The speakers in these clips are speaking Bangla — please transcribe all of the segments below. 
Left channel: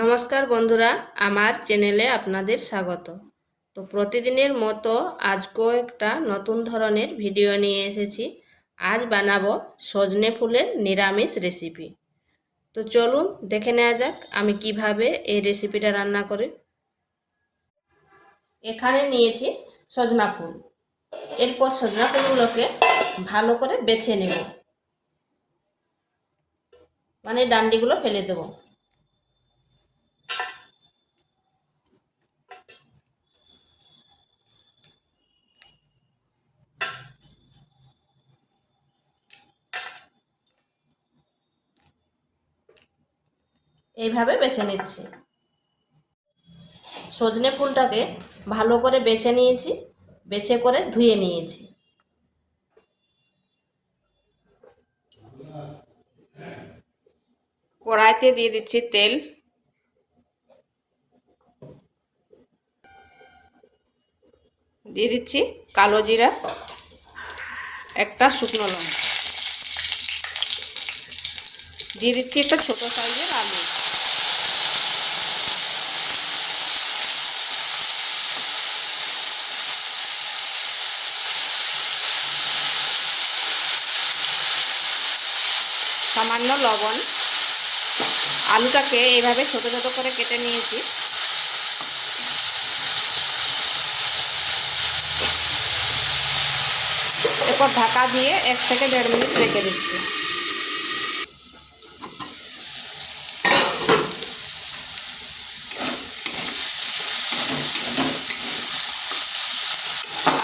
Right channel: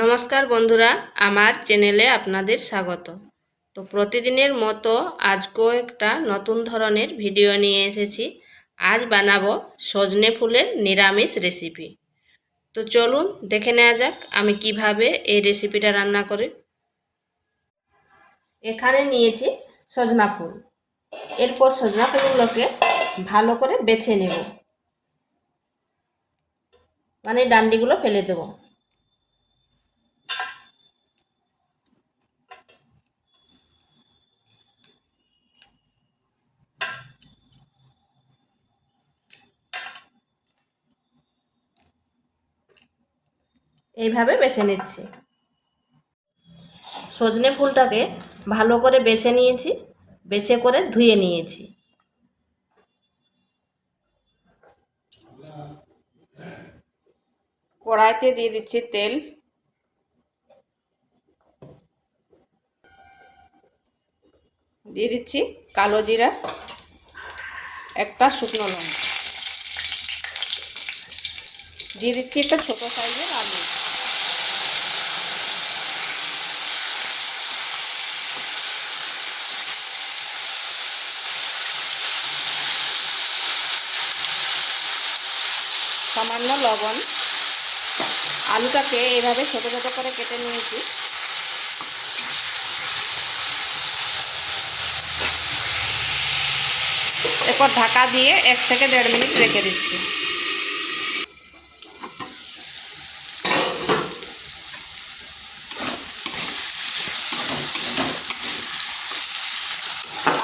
নমস্কার বন্ধুরা, আমার চ্যানেলে আপনাদের স্বাগত। তো প্রতিদিনের মতো আজকেও একটা নতুন ধরনের ভিডিও নিয়ে এসেছি। আজ বানাবো সজনে ফুলের নিরামিষ রেসিপি। তো চলুন দেখে নেওয়া যাক আমি কিভাবে এই রেসিপিটা রান্না করি। এখানে নিয়েছি সজনা ফুল। এরপর সজনা ফুলগুলোকে ভালো করে বেছে নেব, মানে ডান্ডিগুলো ফেলে দেবো। এইভাবে বেছে নিচ্ছি। সজনে ফুলটাকে ভালো করে বেছে নিয়েছি, বেছে করে ধুয়ে নিয়েছি। কড়াইতে দিয়ে দিচ্ছি তেল, দিয়ে দিচ্ছি কালো জিরা, একটা শুকনো লঙ্কা, দিয়ে দিচ্ছি একটা ছোট সাইজের আলু। সামান্য লবণ। আলুটাকে এইভাবে ছোট ছোট করে কেটে নিয়েছি। এরপর ঢাকা দিয়ে 1 থেকে 1.5 মিনিট রেখে দিচ্ছি।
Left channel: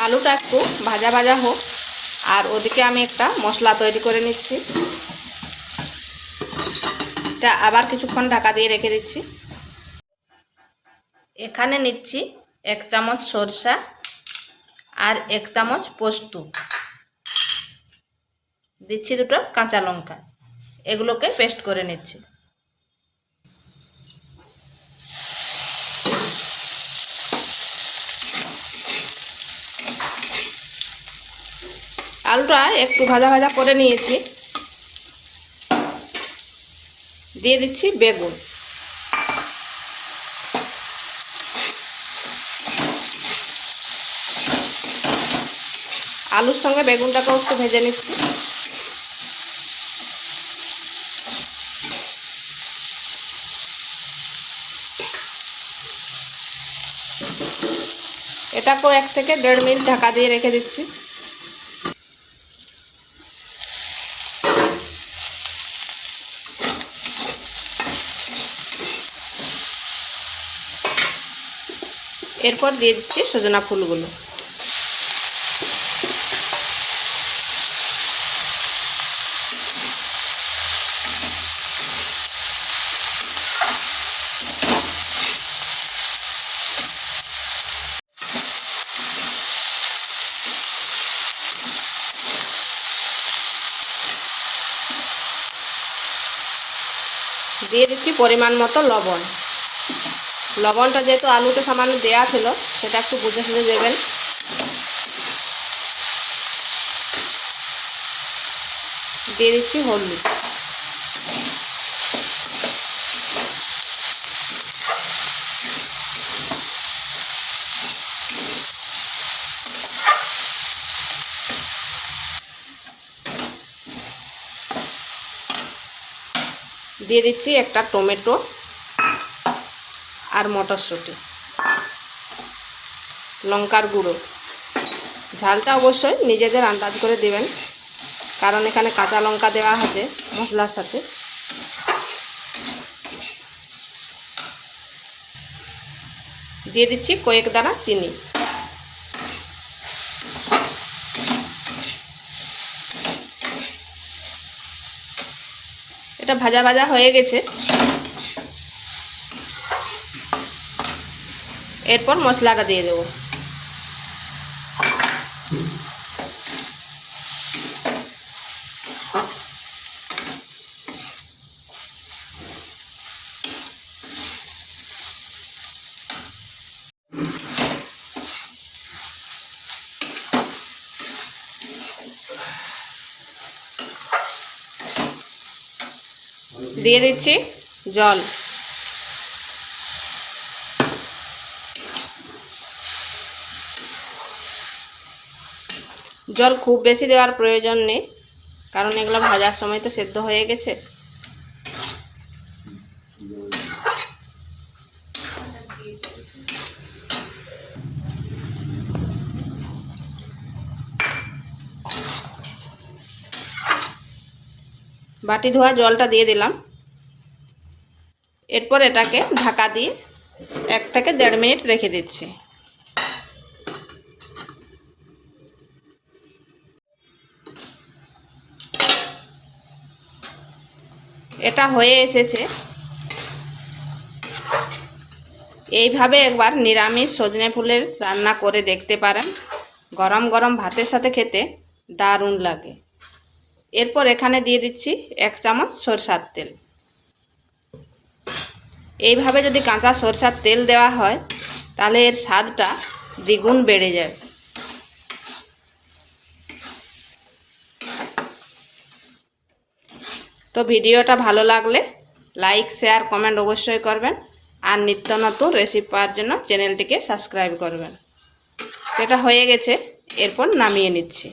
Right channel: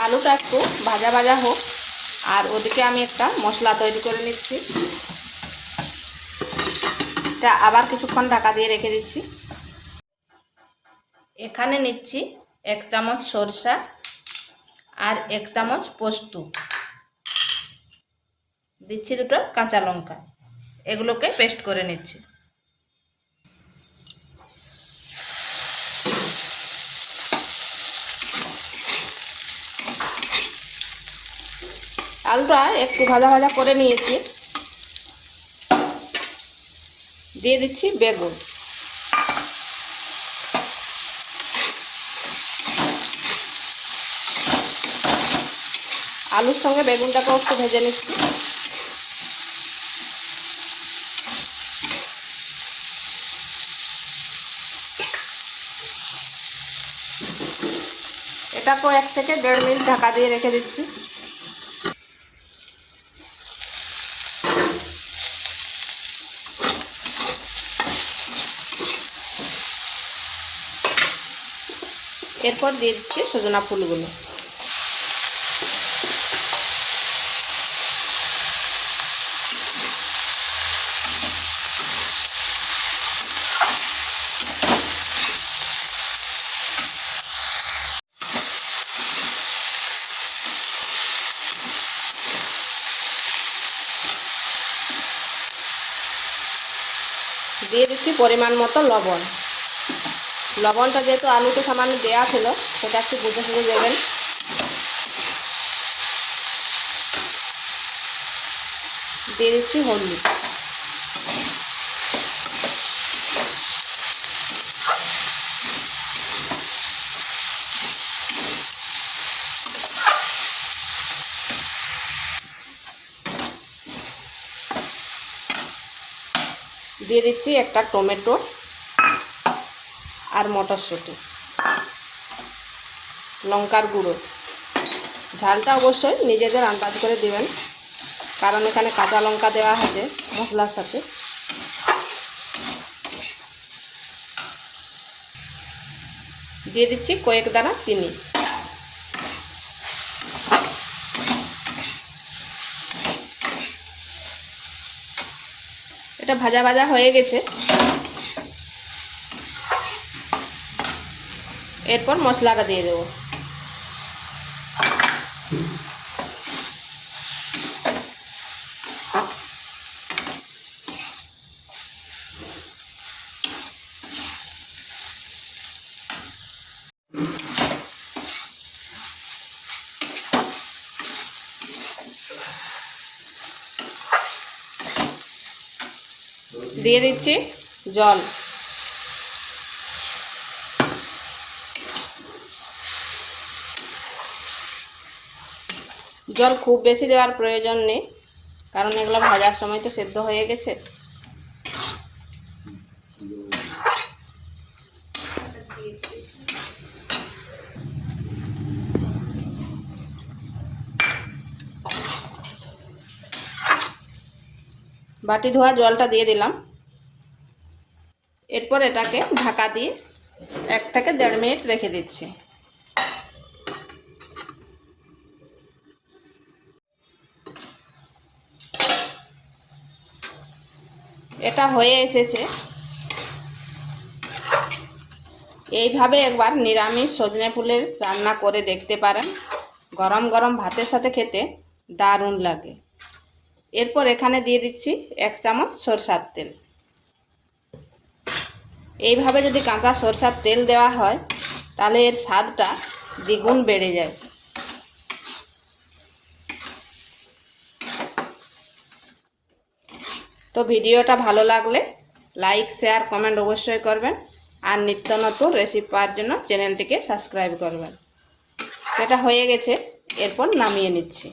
আলুটা একটু ভাজা ভাজা হোক, আর ওদিকে আমি একটা মশলা তৈরি করে নিচ্ছি। তা আবার কিছুক্ষণ ঢাকা দিয়ে রেখে দিচ্ছি। এখানে নিচ্ছি 1 চামচ সরষা আর 1 চামচ পোস্ত, দিচ্ছি 2টো কাঁচা লঙ্কা। এগুলোকে পেস্ট করে নিচ্ছি। আলুটা একটু ভাজা ভাজা করে নিয়েছি। দিয়ে দিচ্ছি বেগুন। আলুর সঙ্গে বেগুনটাকেও একটু ভেজে নিচ্ছি। এটাকেও 1 থেকে 1.5 মিনিট ঢাকা দিয়ে রেখে দিচ্ছি। এরপর দিয়ে দিচ্ছি সজনা ফুলগুলো। দিয়ে দিচ্ছি পরিমাণ মতো লবণ। লবণটা যেহেতু আলুতে সামান্য দেওয়া ছিল, সেটা একটু বুঝে সুঝে দেবেন। দিয়ে দিচ্ছি হলুদ। দিয়ে দিচ্ছি একটা টমেটো আর মটরশুঁটি। লঙ্কার গুঁড়ো। ঝালটা অবশ্যই নিজেদের আন্দাজ করে দিবেন, কারণ এখানে কাঁচা লঙ্কা দেওয়া আছে মশলার সাথে। দিয়ে দিচ্ছি কয়েক দানা চিনি। এটা ভাজা ভাজা হয়ে গেছে। এরপর মশলাটা দিয়ে দেবো। দিয়ে দিচ্ছি জল। জল খুব বেশি দেওয়ার প্রয়োজন নেই, কারণ এগুলো ভাজার সময় তো সেদ্ধ হয়ে গেছে। বাটি ধোয়া জলটা দিয়ে দিলাম। এরপর এটাকে ঢাকা দিয়ে 1 থেকে 1.5 মিনিট রেখে দিচ্ছি। এটা হয়ে এসেছে। এইভাবে একবার নিরামিষ সজনে ফুলের রান্না করে দেখতে পারেন, গরম গরম ভাতের সাথে খেতে দারুণ লাগে। এরপর এখানে দিয়ে দিচ্ছি 1 চামচ সরষের তেল। এইভাবে যদি কাঁচা সরষের তেল দেওয়া হয় তাহলে এর স্বাদটা দ্বিগুণ বেড়ে যায়। তো ভিডিওটা ভালো লাগলে লাইক, শেয়ার, কমেন্ট অবশ্যই করবেন, আর নিত্য নতুন রেসিপি পাওয়ার জন্য চ্যানেলটিকে সাবস্ক্রাইব করবেন। এটা হয়ে গেছে, এরপর নামিয়ে নিচ্ছি।